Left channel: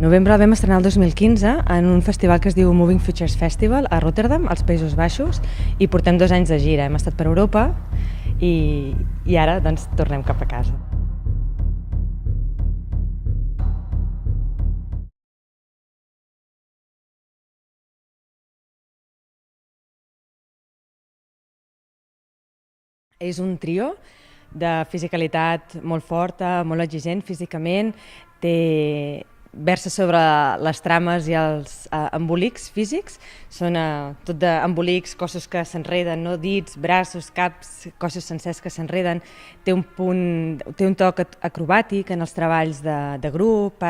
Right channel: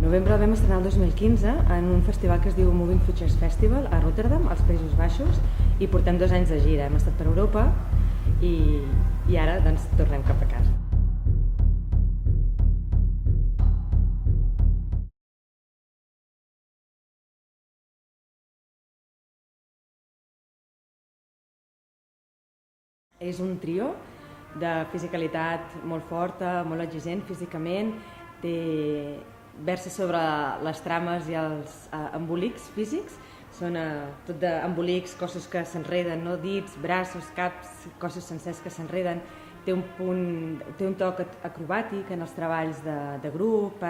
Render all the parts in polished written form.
Novembre el vam estrenar el 2015 en un festival que es diu Moving Futures Festival a Rotterdam, als Països Baixos, i portem 2 anys de gira. Hem estat per Europa i ara doncs, tornem cap a casa. És un trio de fisicalitat molt forta, molt exigent físicament, versa sobre les trames i els embolics físics, són tot d'embolics, cossos que s'enreden, no? Dits, braços, caps, cossos sencers que s'enreden. Té un toc acrobàtic en els treballs de grup,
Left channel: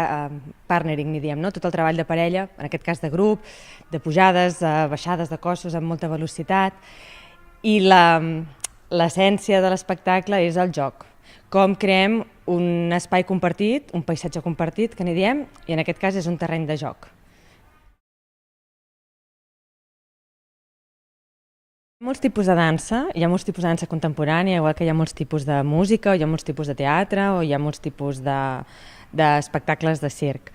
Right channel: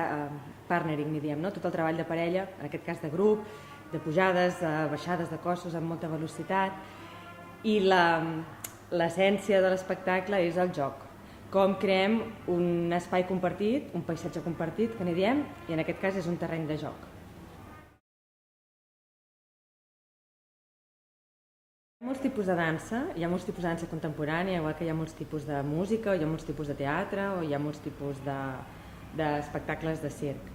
partnering, n'hi diem, no? Tot el treball de parella, en aquest cas de grup, de pujades, baixades de cossos amb molta velocitat. I l'essència de l'espectacle és el joc. Com creem un espai compartit, un paisatge compartit, que n'hi diem, i en aquest cas és un terreny de joc. Hi ha molts tipus de dansa, hi ha molts tipus de dansa contemporània, igual que hi ha molts tipus de música, o hi ha molts tipus de teatre, o hi ha molts tipus d'espectacles de circ.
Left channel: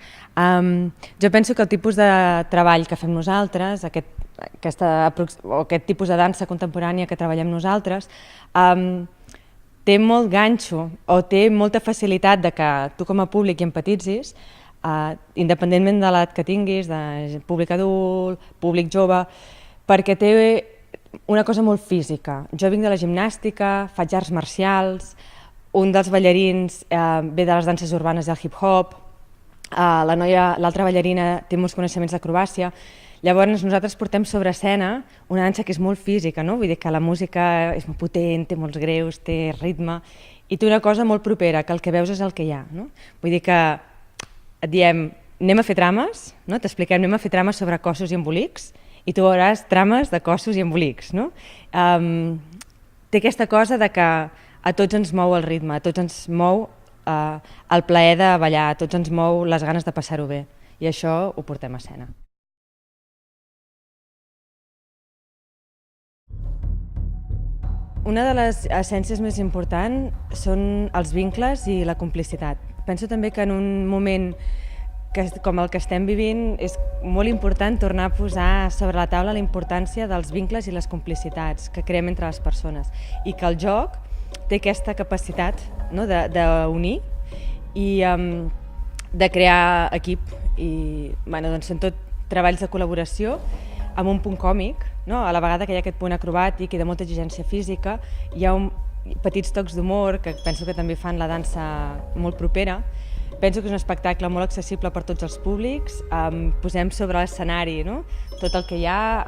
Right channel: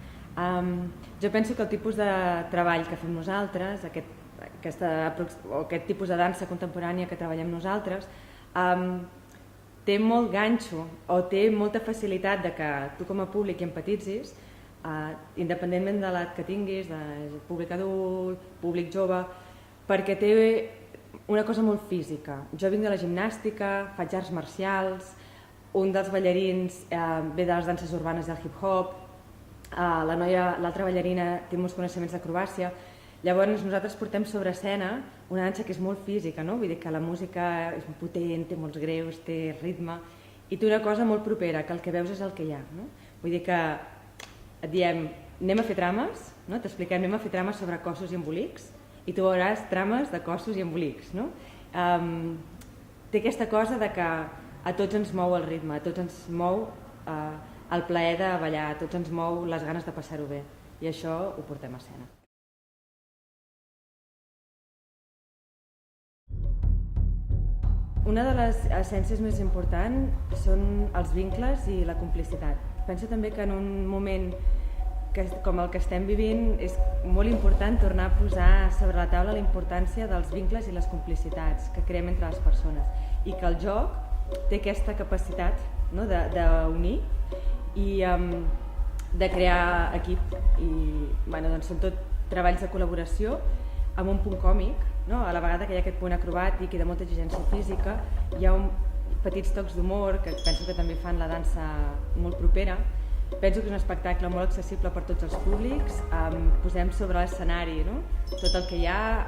Jo penso que el tipus de treball que fem nosaltres, aquest tipus de dansa contemporània que treballem nosaltres, té molt ganxo o té molta facilitat de que tu com a públic hi empatitzis, independentment de l'edat que tinguis, de públic adult, públic jove, perquè té una cosa molt física. Jo vinc de la gimnàstica, faig arts marcials, un dels ballarins ve de les danses urbanes del hip-hop, l'altra ballarina té molts coneixements d'acrobàcia. Llavors nosaltres portem sobre escena una dansa que és molt física, no? Vull dir que la música és molt potent, té molts greus, té ritme, i té una cosa molt propera, que el que veus és el que hi ha, no? Vull dir que et diem, anem a fer trames, no? T'expliquem, anem a fer trames sobre cossos i embolics, i tu veuràs trames de cossos i embolics, no? Té aquesta cosa de que a tots ens mou el ritme, a tots ens mou el plaer de ballar, a tots ens mou les ganes de passar-ho bé, i això ho portem a escena. Una de les essències més importants són els vincles i la complicitat. Penso també que en un moment com el que estem vivint és molt important tornar a posar sobre la taula la importància dels vincles i les complicitats que creem entre les persones, i que el joc té aquesta capacitat d'unir i de crear equip. Són tot treballs de col·laboració amb un punt còmic, a la vegada que hi ha aquest punt acrobàtic i de molta exigència física. Hi ha petits tocs d'humor que penso que també fan la dansa molt propera. Penso que és un espectacle molt accessible per tots els públics. Posem sobre l'escenari tot el que hi ha,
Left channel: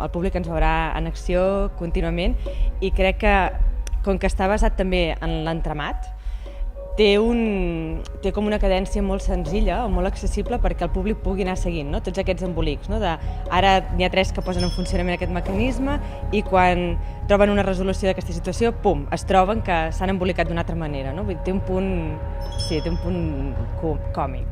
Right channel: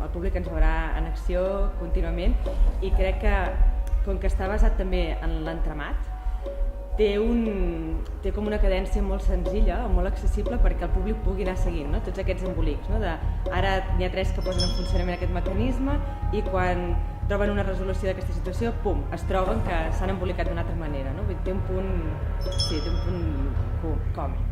el públic ens veurà en acció contínuament, i crec que, com que està basat també en l'entramat, té com una cadència molt senzilla o molt accessible perquè el públic pugui anar seguint tots aquests embolics. Ara n'hi ha 3 que posen en funcionament aquest mecanisme, i quan troben una resolució d'aquesta situació, pum, es troben que s'han embolicat d'una altra manera. Té un punt còmic.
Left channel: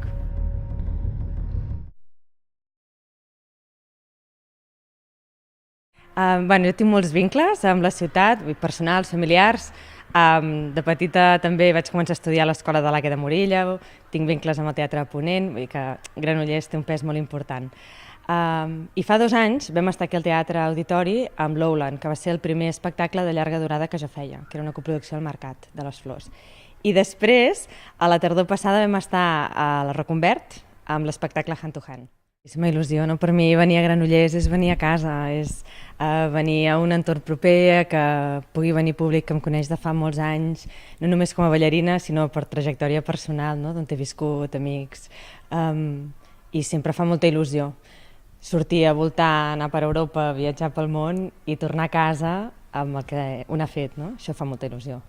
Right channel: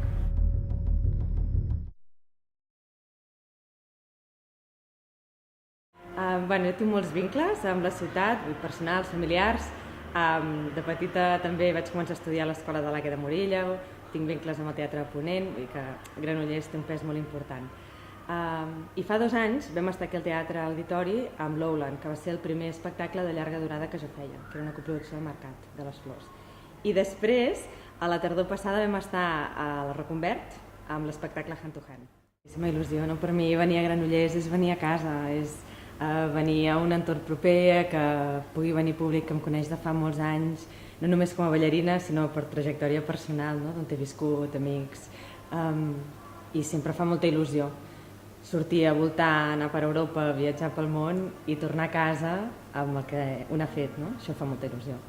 Jo tinc molts vincles amb la ciutat, personals, familiars. De petita també vaig començar a estudiar a l'Escola de l'Àgueda de Morella, tinc vincles amb el Teatre de Ponent, vull dir que Granollers té un pes molt important. I fa 2 anys vam estar aquí al Teatre Auditori amb Lowland, que va ser el primer espectacle de llarga durada que jo feia, que era una coproducció al Mercat de les Flors. I després, a la tardor passada, vam estar a la Reconvert amb l'espectacle Hand to Hand. És una il·lusió, per mi venir a Granollers és venir a casa, és venir a un entorn proper, que pugui venir públic que em coneix de fa molts anys, no només com a ballarina, sinó per trajectòria personal, d'on he viscut, amics, i sempre fa molta il·lusió sortir a voltar, anar per Europa, viatjar pel món i tornar a casa amb el que un ha fet, això fa molta il·lusió.